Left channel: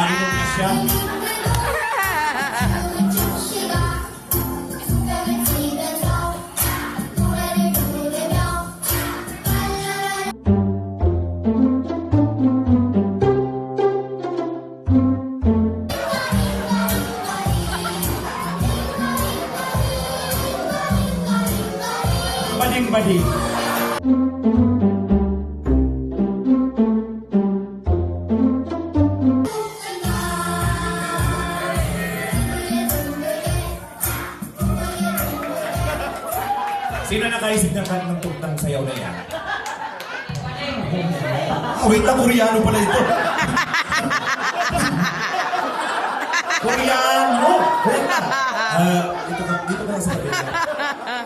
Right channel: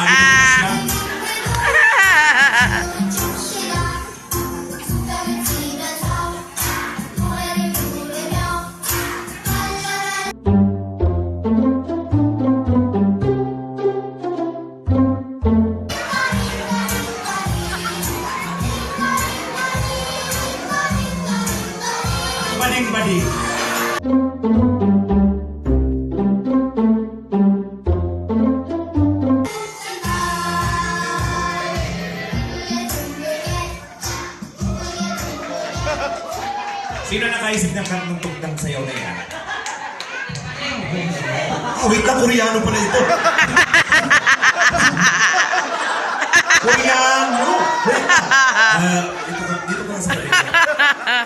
Ah,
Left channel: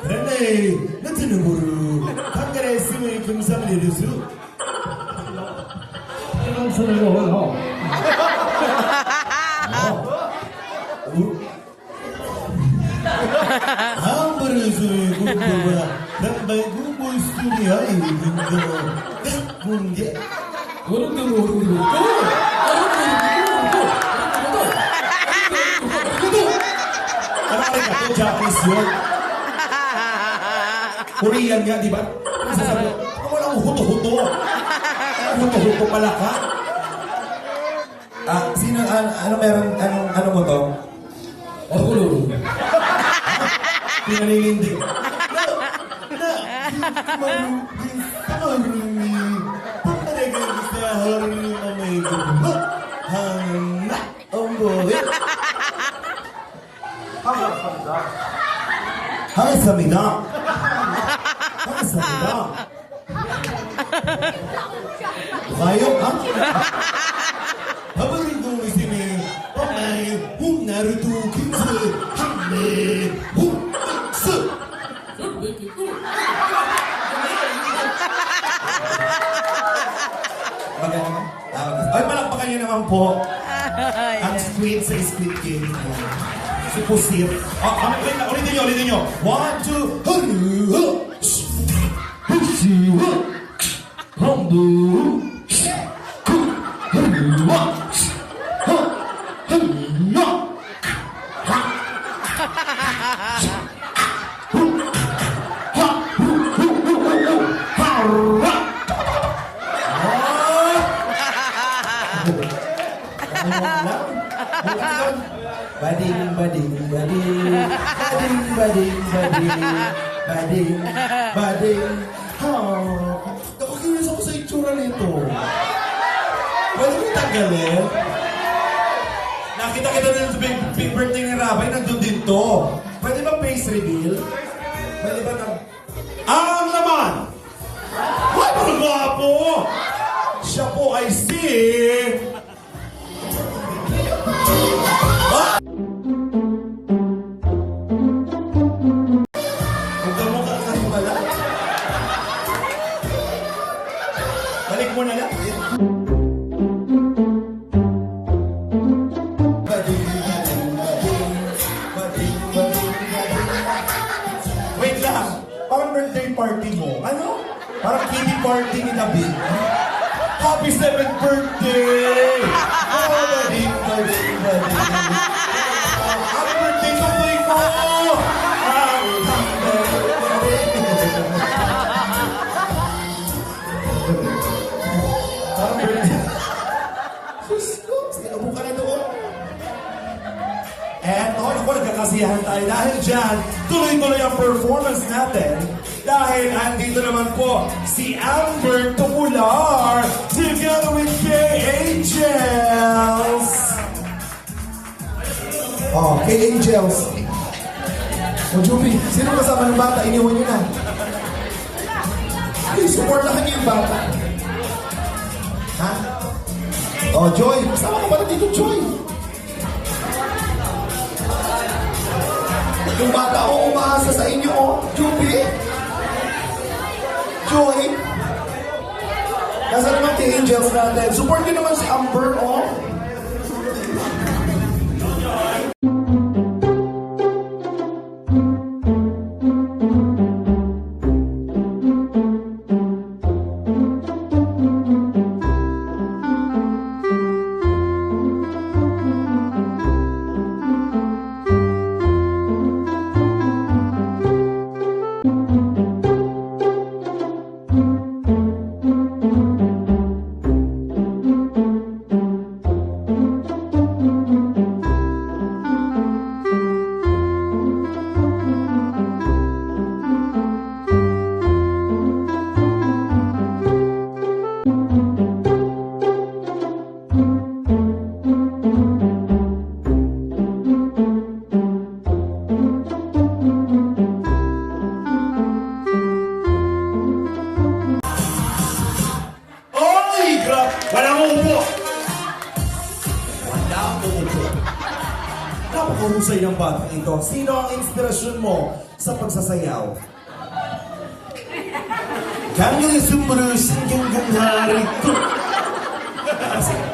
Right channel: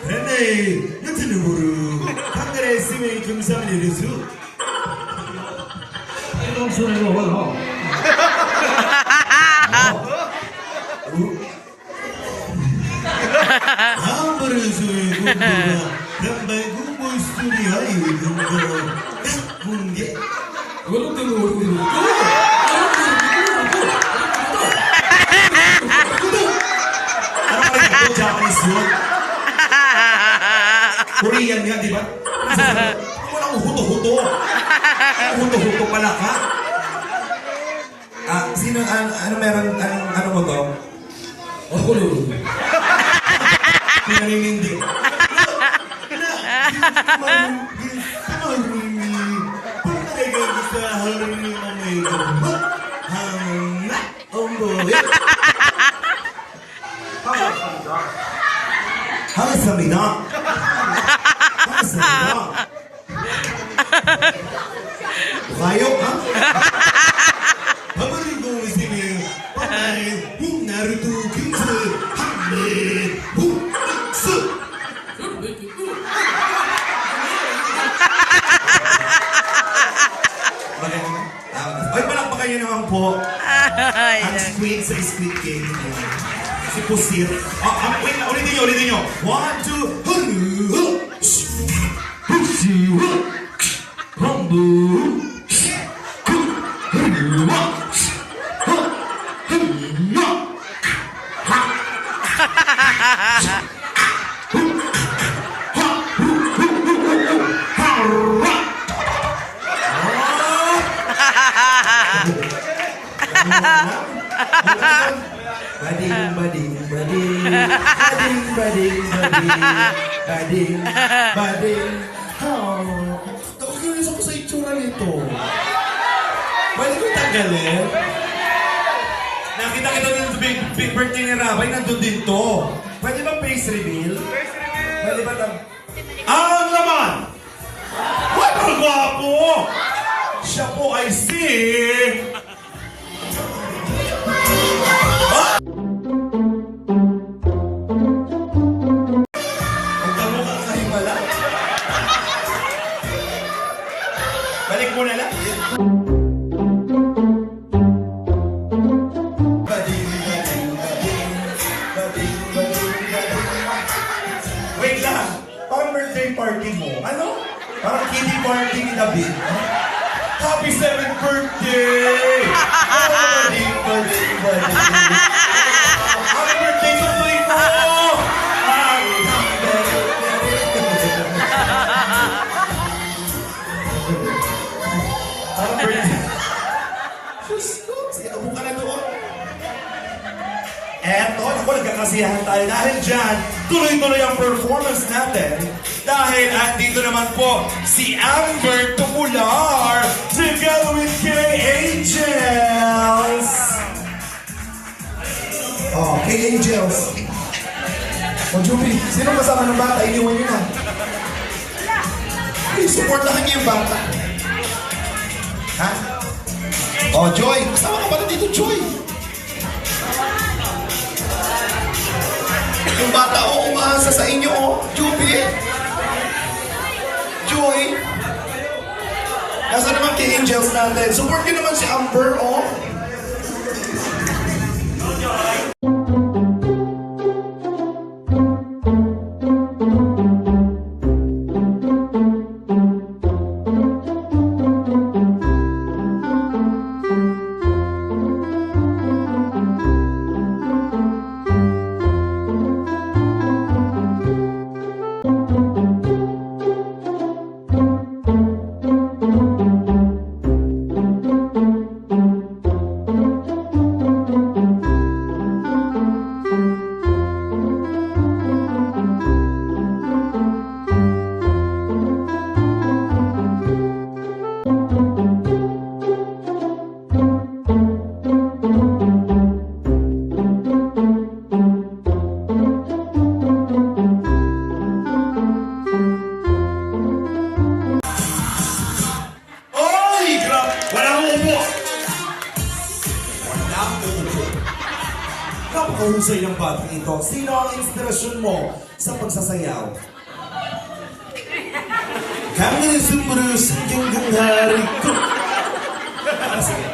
그런데 너트를 모르 한글의 쓰면 김삼일 이래서 이런 소리 먹어 아무래서 이거 뭐야 난내 공부 스토리야 이거 Korean nga, di ba? Walang huto-huto. Huto-huto pala ka. Ah, sino, ano, ano meron, anong, ano mo to? Ako lulu. Pinaninindig. 반갑 가요? 아무리도 이제는 엄마의 훅나루도 근처 한미 훅스 Ay, palakpakan niyo naman po. ang squid sa squid game. Si Pusir. Ah, ah, wait lang, ulitin nyo, ulitin nyo. One, Bading, bading, bading. Bading, bading, bading. Bading, bading. Oh, nakukinis ako sa itsura nito. Pwede ko tanggalin? Nakita kita sa big, big birthday ni Rabay, nandun din to. Pwede ba face reveal? Pwede ba tang... Ang naman! What ang! Siya po ay si... nag-birthday! Oh, ding, ding, ding. Happy birthday sa boy ko! Happy birthday! Diyos ko, sinabu ka na doon. Eto, naku, nagkakasiyahan tayo. Dahil dyan, tuloy-tuloy ang performance natin. Dahil andito naman po si Amber Tumular together with K-Angels. Oh, K-Angels. O, Juby, sino kasama ng bata? Iniwan niyo na. Ay, supportahan niyo yung bata. Ha? Oh, Joy. Kasama ka pala dito, Joy. Yung bata o umaasa sa inyo, oh. Juby. Joy. Nasa naman kay Angels natin. Support nyo naman si Amber, oh. Pagsasayaw? Kami ni Sumunus hanggang ganghari ko.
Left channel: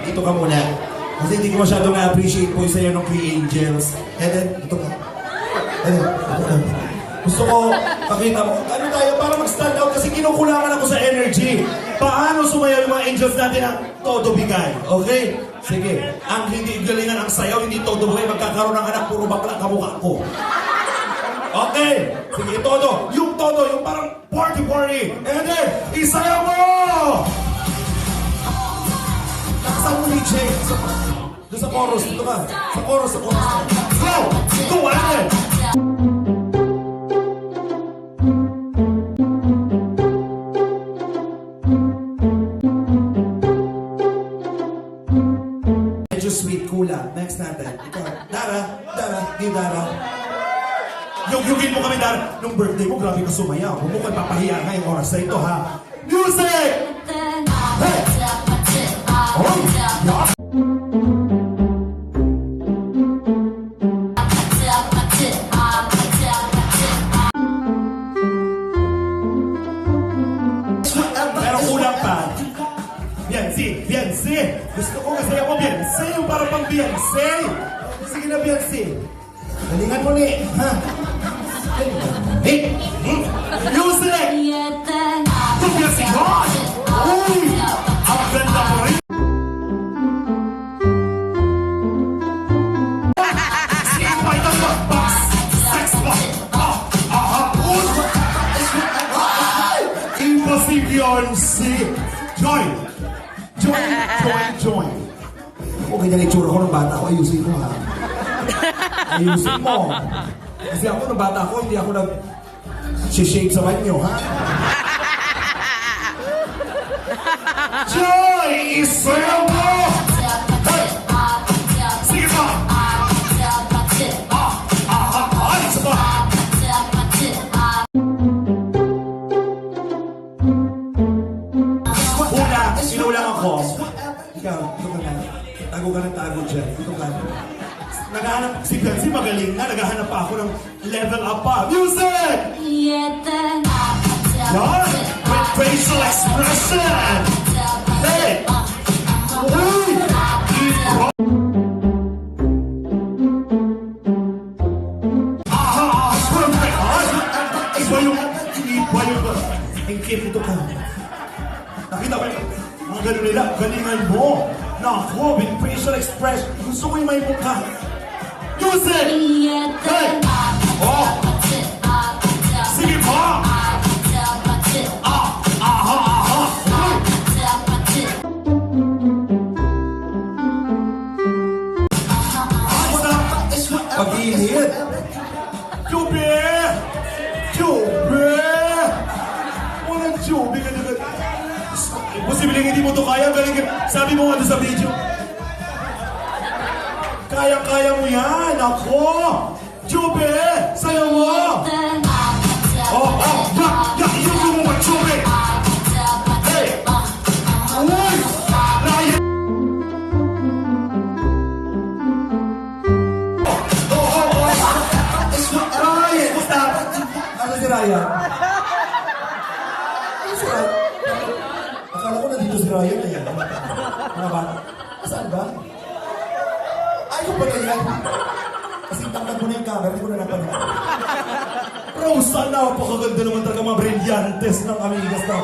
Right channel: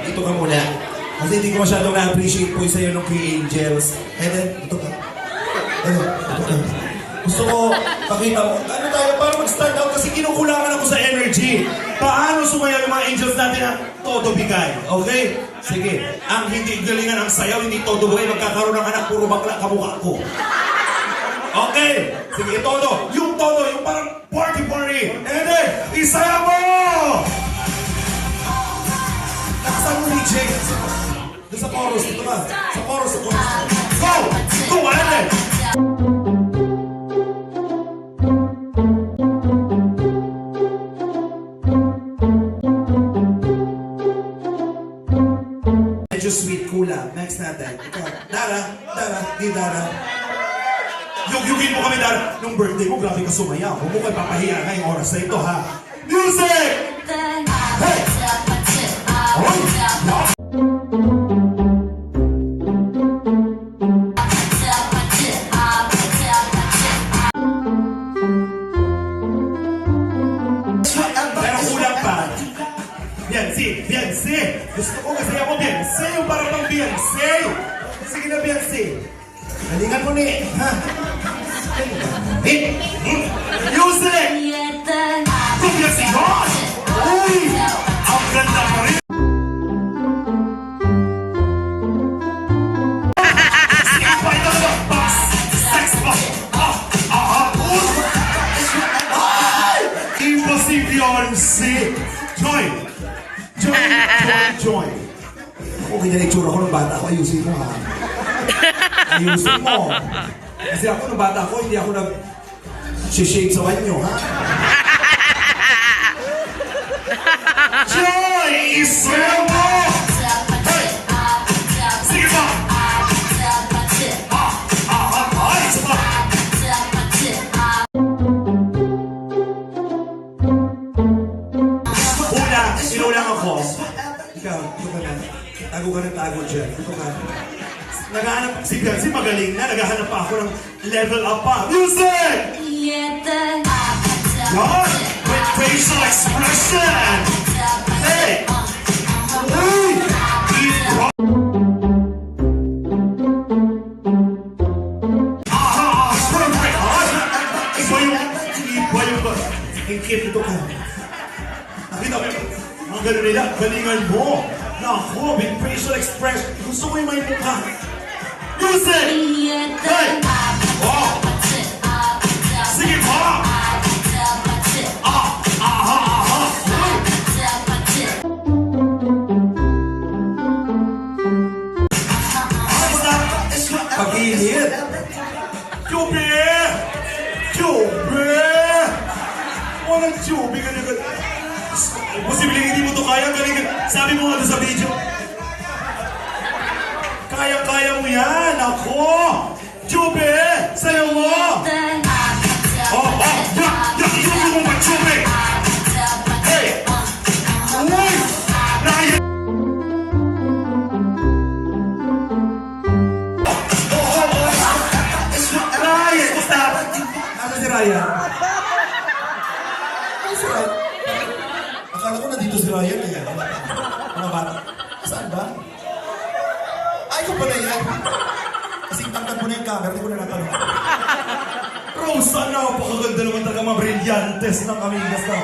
Dito ka muna. Kasi hindi ko masyadong na-appreciate po yung sayo ng kay Angels. Ito ka. Helen, ito ka. Gusto ko pakita mo. Ano tayo, para mag-stand out kasi kinukulangan ako sa energy. Paano sumayaw yung mga angels natin na todo bigay? Okay? Sige. Ang hindi galingan ang sayaw, hindi todo buhay, magkakaroon ng anak, puro bakla kamukha ko. Okay. Sige, todo. Yung todo, yung parang party-party. And then, isayaw mo! Lakasan mo ni Jay. Doon sa chorus, dito ka. Sa chorus, sa chorus. Go! Go, Ellen! Kami, Dara. Nung birthday mo, grabe ka sumaya. Huwag mo kayo papahiya ngayong oras na ito, ha? Music! Hey! Oy! Yeah. Ah! Ay! Isa pa! Una, sinulang ako. Ikaw, ito ka na. Tago ka ng tago dyan. Ito ka. Naghahanap, si Beyonce magaling na. Naghahanap pa ako ng level up pa. Music! Yan! With facial expression! Hey! Uy! Iba! Ah, perfect! Ah, Iba yung, iba yung, ang cute ito ka. Nakita ko, mga ganun nila, galingan mo. Naku, with facial expression. Gusto ko yung may mukha. Music! Ano si Ryan? Akala ko nandito si Ryan kaya. Mga bata. Saan ba? Ay, ko pala yan. Kasi tangkad mo na yung camera, hindi ko na napanood. Rosa, napakaganda naman talaga mga brilyantes ng amigas na.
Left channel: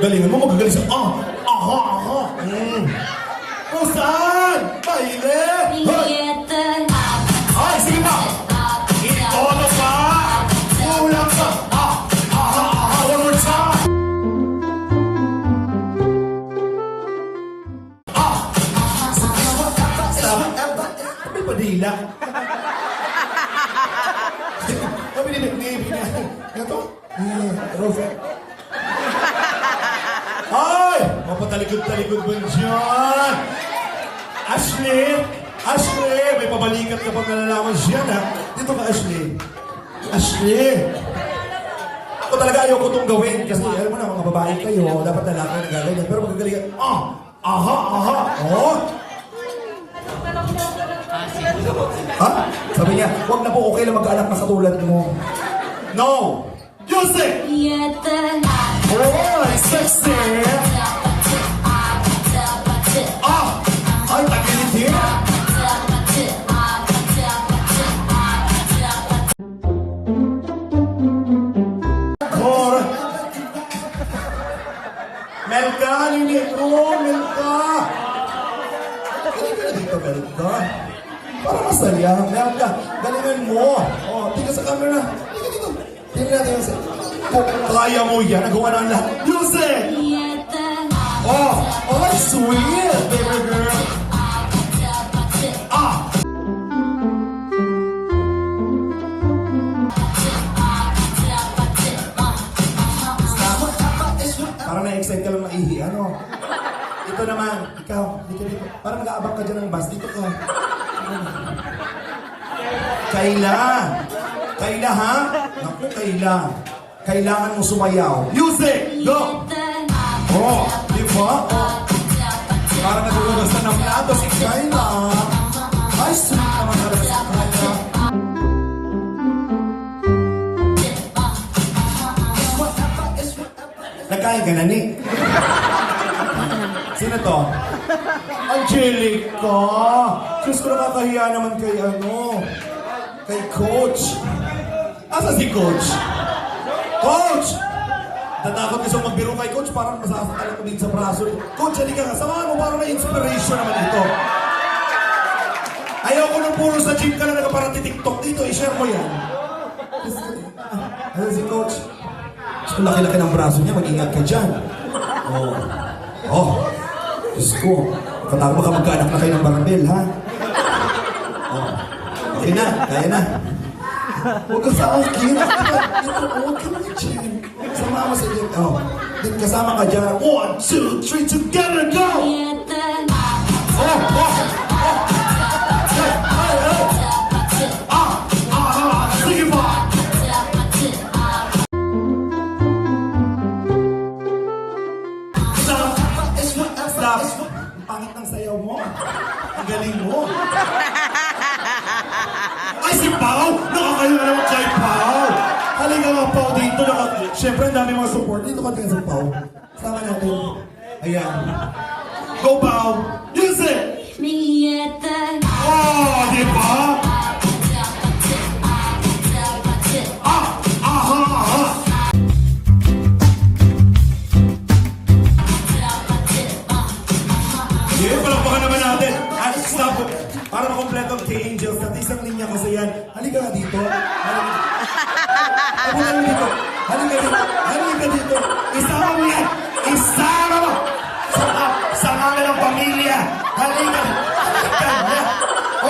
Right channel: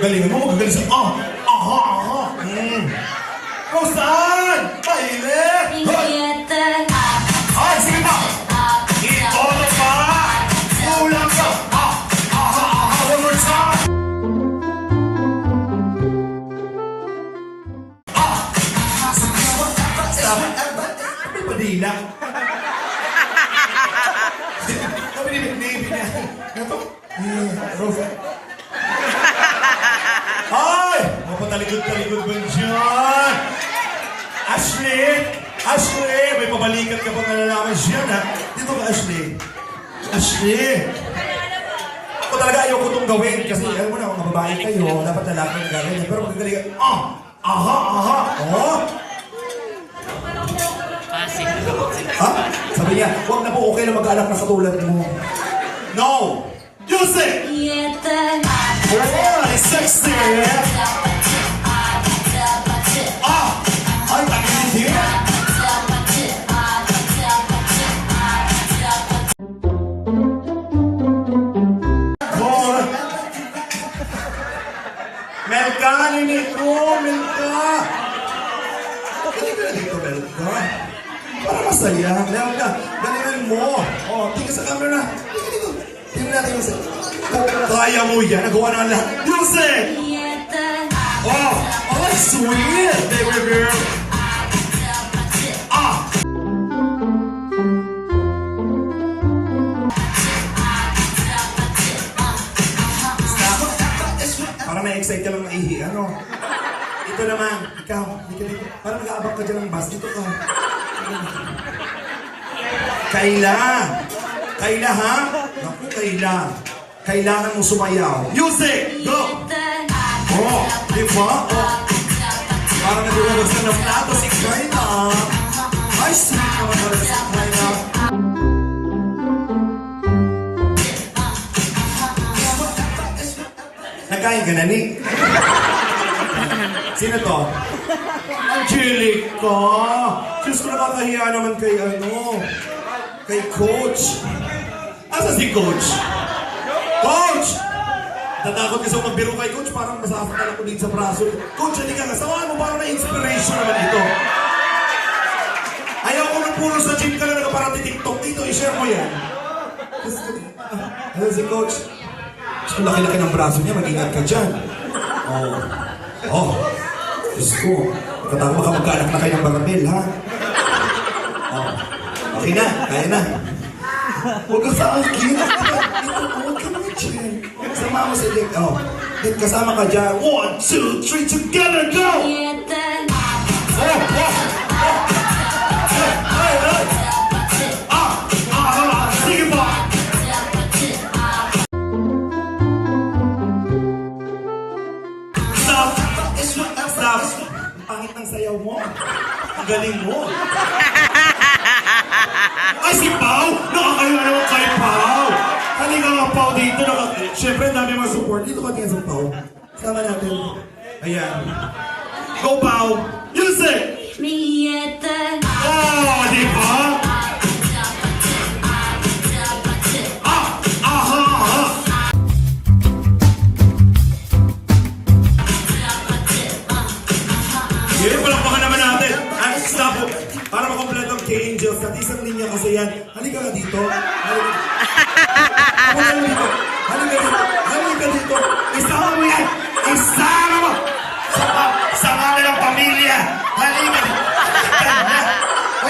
Galingan mo, magagaling siya. Ah! Aha! Aha! Mm. Rosan! Mapatalikod-talikod ba dyan? Ashley! Ashley! May pabalikat ka pang nalalaman siya na. Dito ka, Ashley. Ashley! Ako talaga ayoko itong gawin kasi alam mo na, mga babae kayo, dapat lalaki ang gagawin. Pero magagaling ka, ah! Aha! Aha! Oh! Ha? Sabi niya, huwag na po, okay lang mag-anak na katulad mo. No! Music! Oh, sexy! Para masaya. Melka, galingan mo. Oh, tingin sa camera. Tingin dito. Tingnan natin yung. Kung kaya mo yan, nagawa na lang. Music! Oh! Oh, sweet, baby girl! Ah! Para na-excite ka lang maihi, ano? Ito naman, ikaw, ka dito. Para nag-aabang ka dyan ng bus, dito ka. Kaila! Kaila, ha? Naku, Kaila. Kailangan mo sumayaw. Music! Go! Oh, di ba? Oh. Parang nagulabas na ng plato si Kaila. Ay, sweet naman talaga si Kaila. Nagkain ka na, Nick? Sino to? Angelica! Diyos ko nakakahiya naman kay ano, kay Coach. Asa si Coach? Coach! Tatakot kasi magbiro kay Coach, parang masasaktan ako dito sa braso. Coach, hindi ka kasama mo, parang may inspiration naman dito. Ayaw ko na puro sa gym ka na nakaparang TikTok dito, i-share mo yan. Ano si Coach? So, laki-laki ng braso niya, mag-ingat ka dyan. Oh. Oh. Diyos ko. Katawa ka magkaanak na kayo ng barabel, ha? Oh. Okay na, kaya na. Huwag ka sa akin. Huwag ka mga dyan. Sama mo sa dyan. Oh. Kasama ka dyan. One, two, three, together, go! Oh, oh, oh. Hey, hey, hey. Ah, ah, ah! Ang pangit ng sayaw mo. Ang galing mo. Ay, si Pao! Nakakayo na naman kay Pao! Halika nga, Pao, dito. Naka... Siyempre, dami mga support. Dito ka tingin sa Pao. Sama natin. Ayan. Go, Pao! Music! Oh, di ba?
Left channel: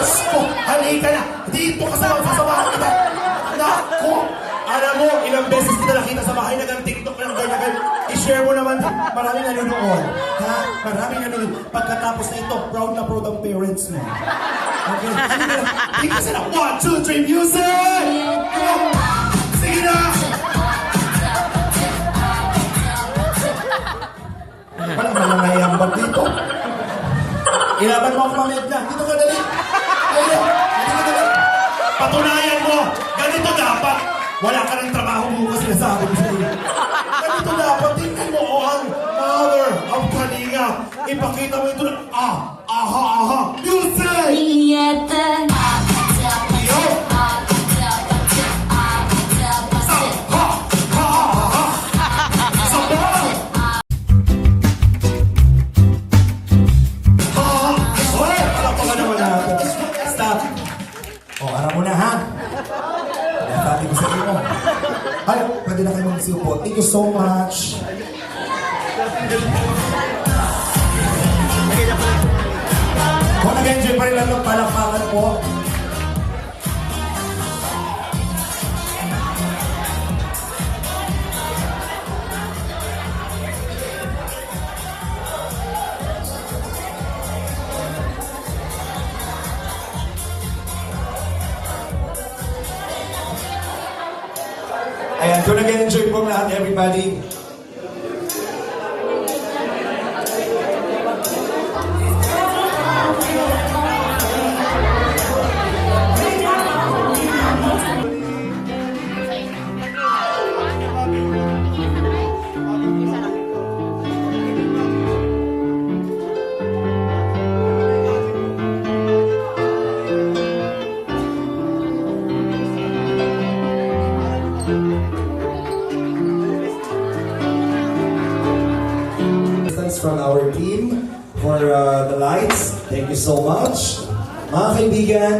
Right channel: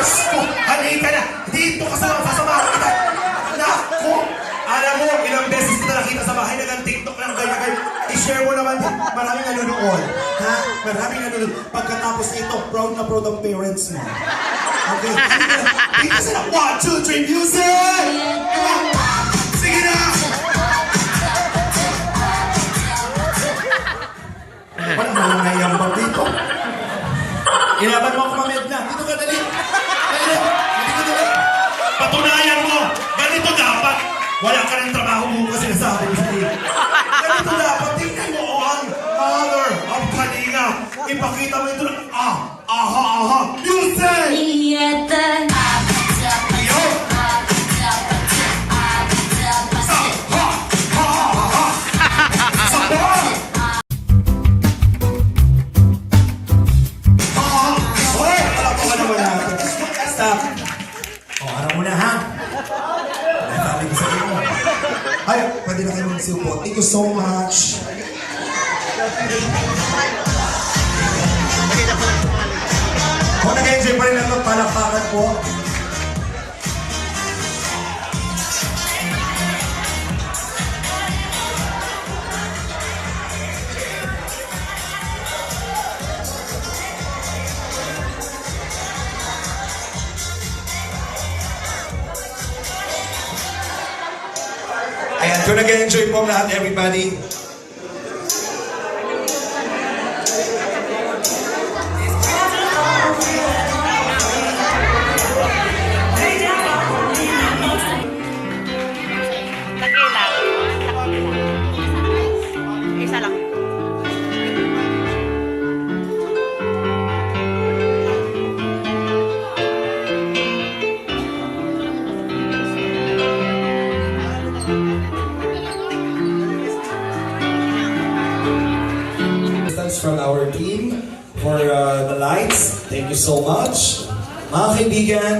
Asko, halika na. Dito ka sa mga sasamahan kita. Naku. Alam mo, ilang beses kita nakita sa bahay ng TikTok ng ganyan. I-share mo naman. Maraming nanonood. Ha? Maraming nanonood. Pagkatapos nito, proud na proud ang parents mo. Okay. Na. Dito sila. One, two, three, music! On. Sige na! Parang nanganayambag dito. Ilaban mo ako mamaya lang. Dito ka dali. Patunayan mo. Ganito dapat. Wala ka rin trabaho mo kasi nasabi ko sa'yo. Ganito dapat. Tingnan mo oh, ang mother of Kalinga. Ipakita mo ito. Ah, aha, aha. Music! Julieta. Yo! So much. Mga kaibigan,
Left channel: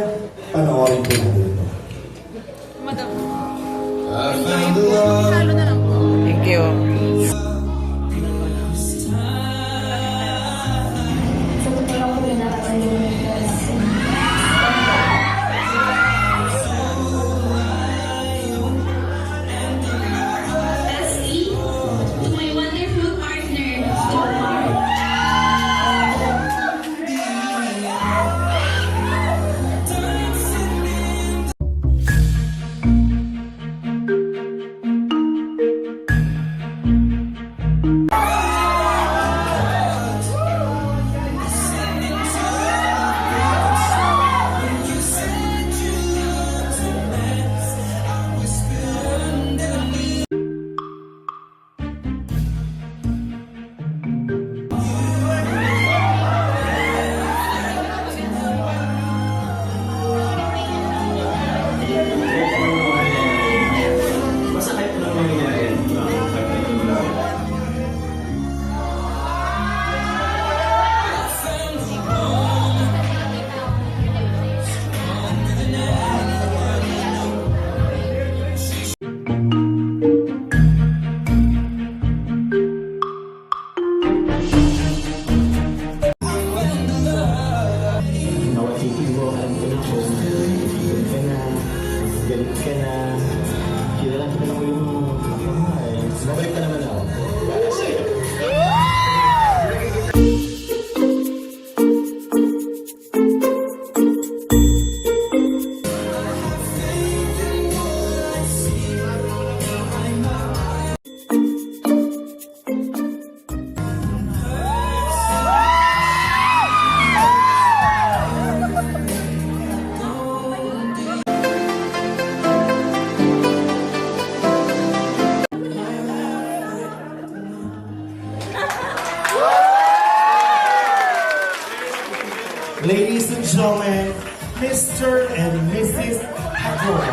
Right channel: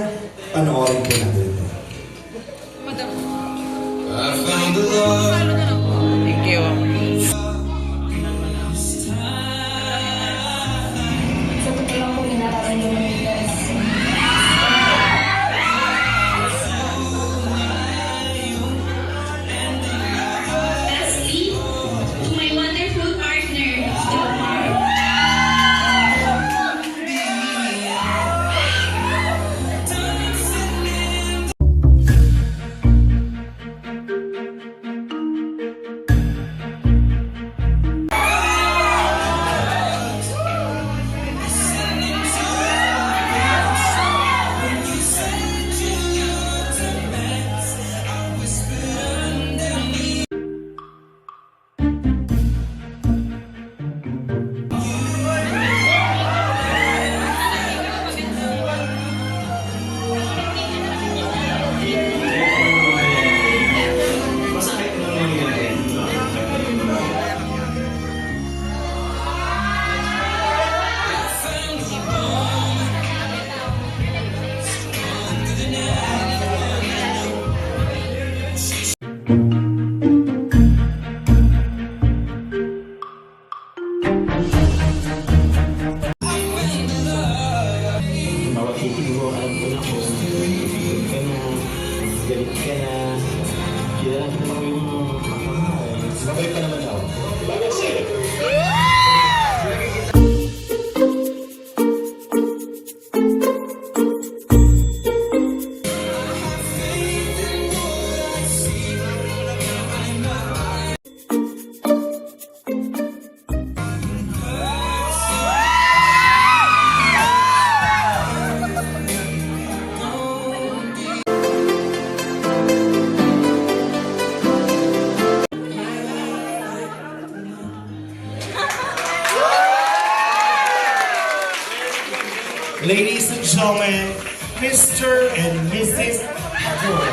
Ladies and gentlemen, Mr. and Mrs. Agor.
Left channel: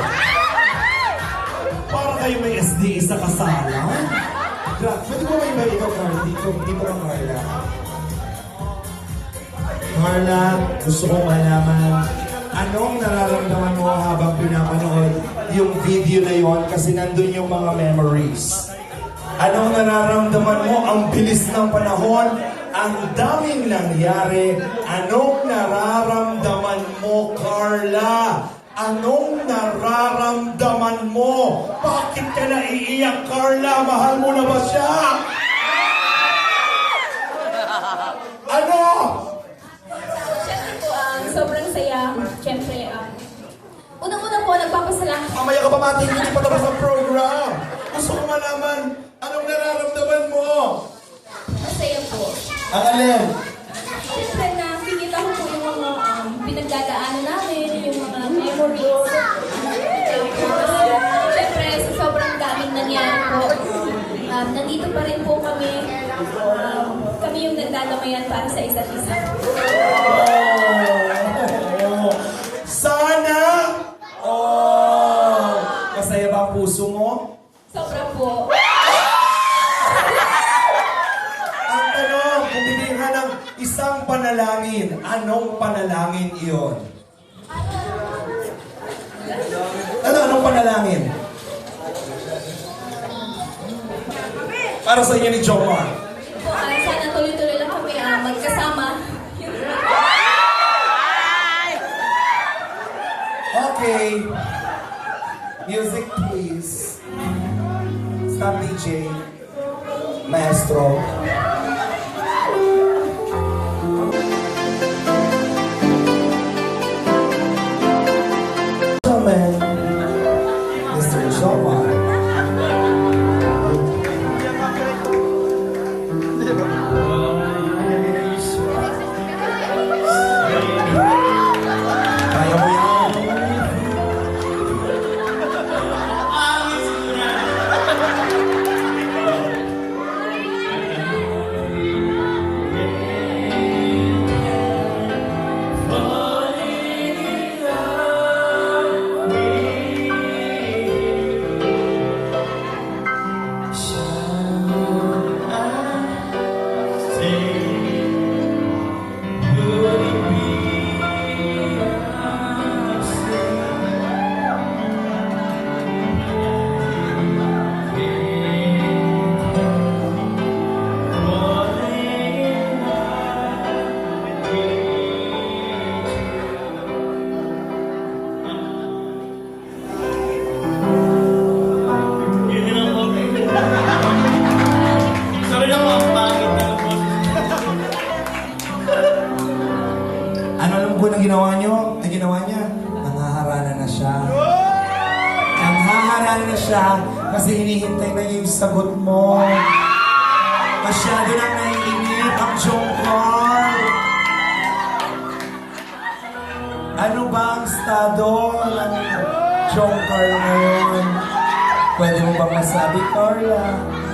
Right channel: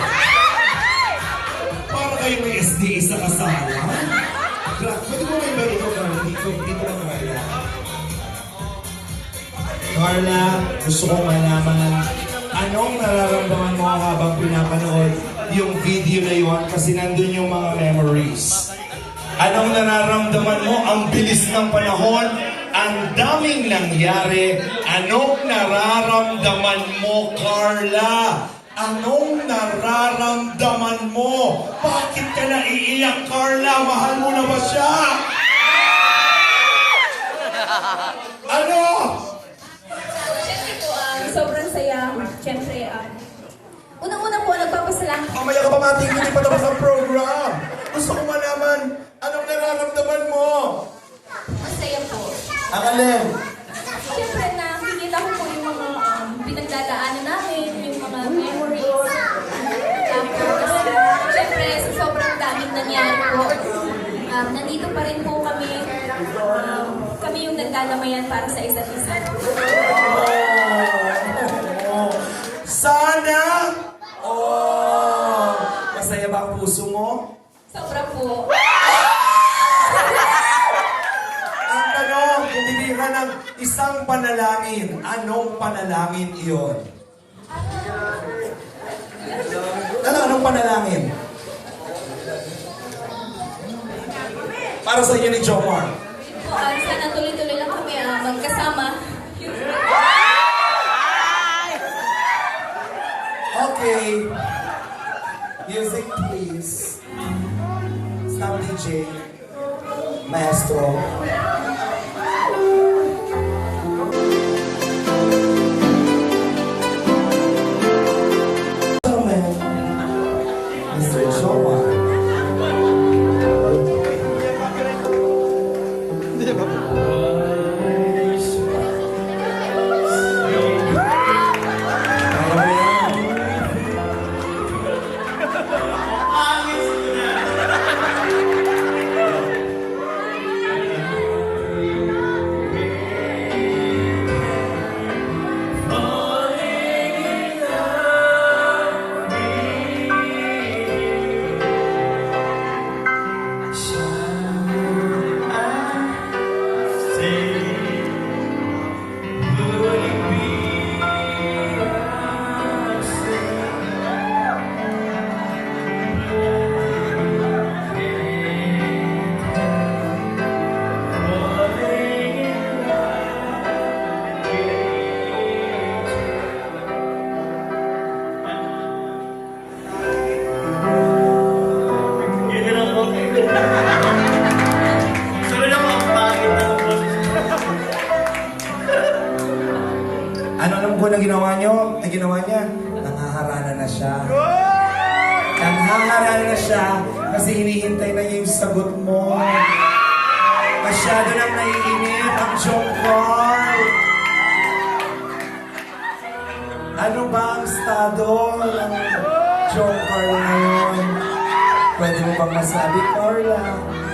Para kayo may SDA sa kasama. Gra- Pwede mo may may ikaw Carla? Dito, dito ka Carla. Carla, gusto kong malaman Anong nararamdaman mo habang pinapanood yung video na yon kasi nandun yung mga memories? Anong nararamdaman mo? Ang bilis ng panahon, ang daming nangyari. Anong nararamdaman mo, Carla? Anong nararamdaman mo? Bakit ka naiiyak, Carla? Mahal mo na ba siya? Ano? Siyempre po, ah, sobrang saya. Siyempre, ah, unang-una po, nagpapasalamat. Mamaya ka pa mating hindi pa tapos ang program. Alin? Siyempre, nakikita ko po yung mga um, pinagdadaanan namin, yung mga memories. Siyempre, sa sobrang daming nangyari po, um, nandito pa rin po kami. Um, kami yung nagdadamayan para sa isa't isa. Para sa inyo ni Jomar. Po, ah, sana tuloy-tuloy lang kami ah, magkasama. Ay! Okay. Music, please. Stop DJ. Maestro. Gentlemen, Nang naiinip ang jongkol. Ano ba ang estado ng jongkol ngayon? Pwede mo bang masabi, Carla? Basta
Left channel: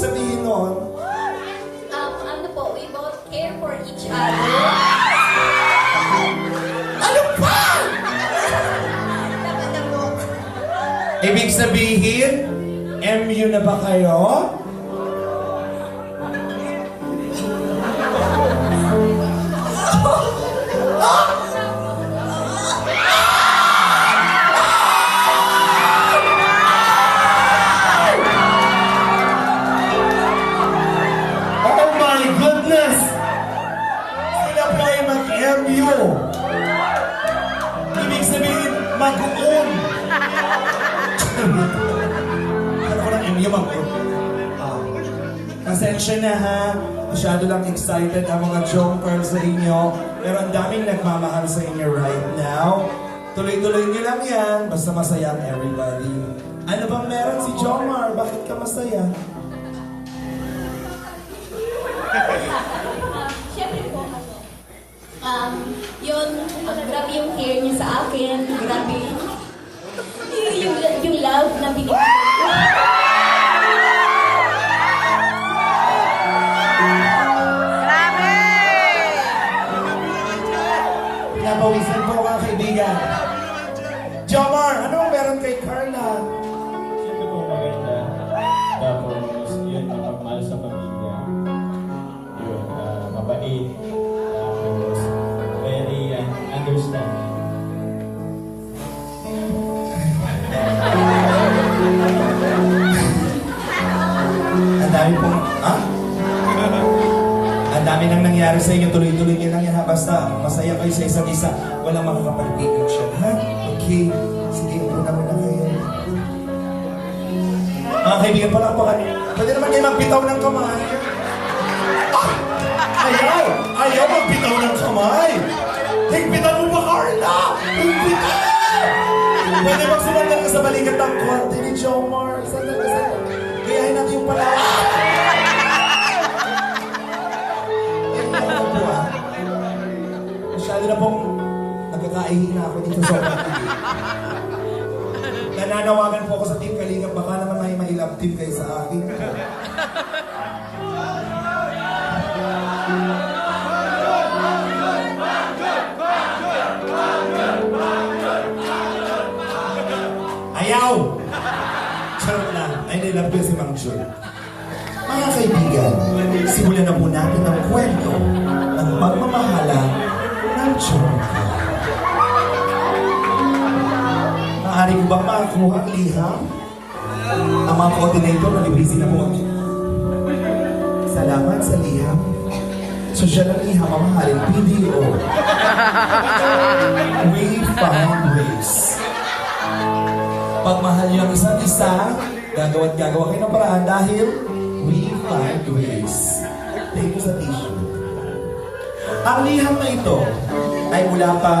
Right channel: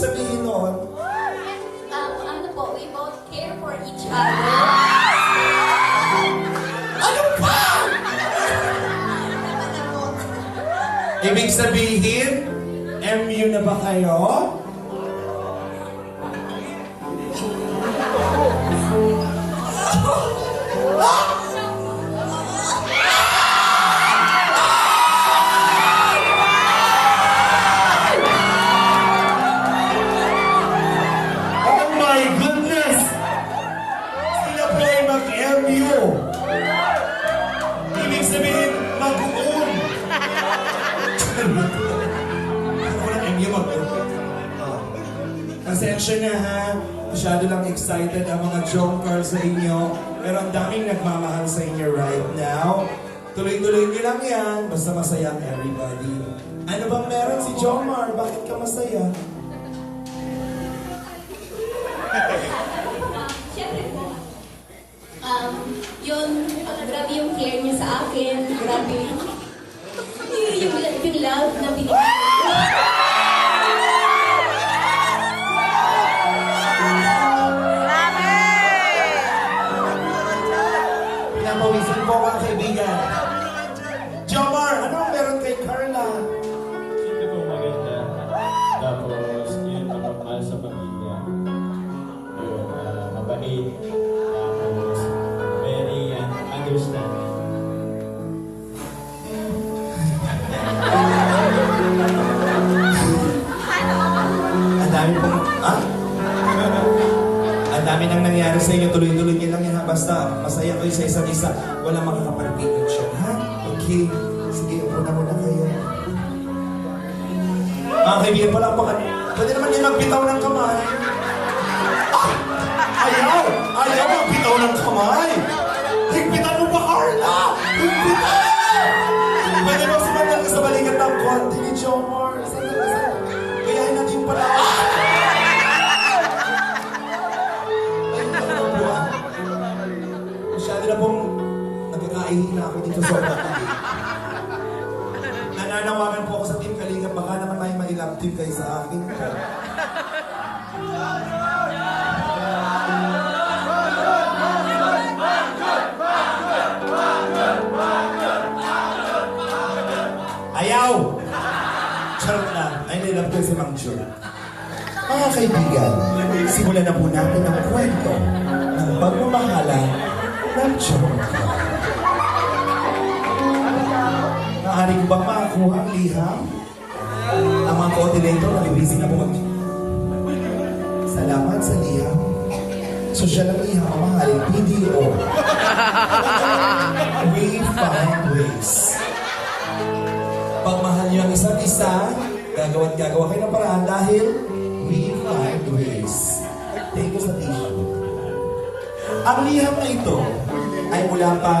sabihin nun? Um, ano po, we both care for each other. Ano ba? Tama na po. Ibig sabihin, MU na ba kayo? yan. Basta masaya ang everybody. Ano bang meron si Jomar? Bakit ka masaya? um, yun, grabe yung hair niya. Sige, sige, upo na muna. Ah, kaibigan pala po. Ah. Pwede naman kayo magpitaw ng nakuha ang liham. Ang mga coordinator, nalibisi na po. Salamat sa liham. So siya lang liham, mamahal, PDO. We find ways. Pagmahal niyo ang isa't isa, gagawa't gagawa kayo ng paraan dahil we find ways. Take ko sa tissue. Ang liham na ito ay mula pa